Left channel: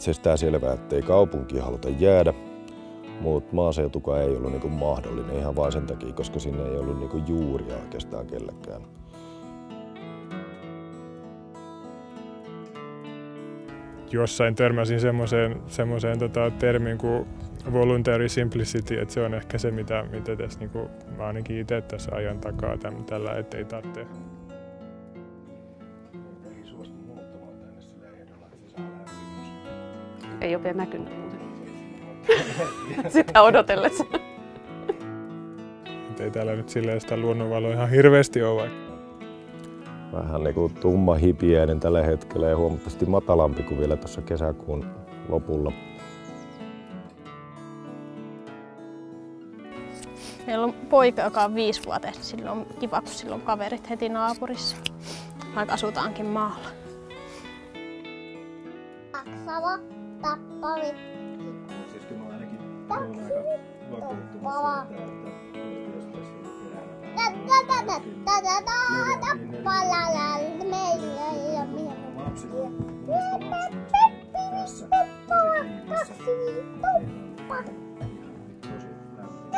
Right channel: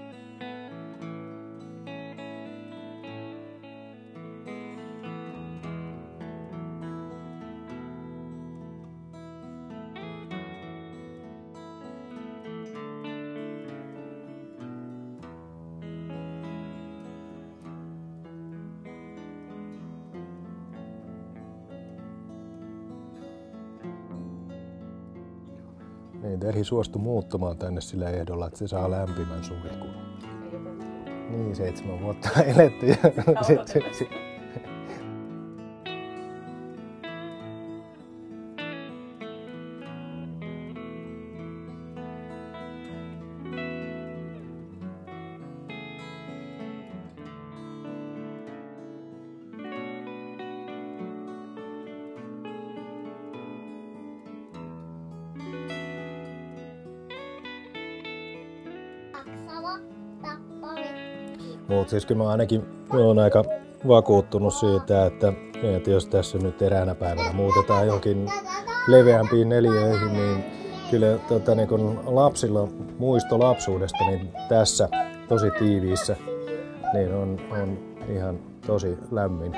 itsestään selvää, ettei kaupunkiin haluta jäädä, mutta maaseutukaan ei ollut niin mahdollinen ihan vain sen takia, koska sinne ei ollut niin juuria oikeastaan kellekään. Jossain törmäsin semmoiseen termiin kuin voluntary simplicity, että se on ehkä se, mitä tässä niin mä ainakin itse tässä ajan takaa tällä, ettei tarvitse. Niin, Terhi suostui muuttumaan tänne sillä ehdolla, että se saa lämpimän suihkun. Ei ole vielä näkynyt. Niin, 7 vuotta elettiin. Sitä odotellessa. Ei täällä nyt silleen sitä luonnonvaloa ihan hirveästi ole. Vähän niin kuin tumma hipiäinen tällä hetkellä ja huomattavasti matalampi kuin vielä tuossa kesäkuun lopulla. Meillä on poika, joka on 5-vuotias. Sillä on kiva, kun sillä on kaverit heti naapurissa. Vaikka asutaankin maalla. Mutta siis kyllä mä ainakin olen aika vakuuttunut siitä, että jos tässä nyt eräänä päivänä muutetaan johonkin leveämpiin neliöihin, niin kyllä niin kun lapsilla muisto lapsuudesta niin tässä tosi tiiviissä niin on ihan tosi lämmin.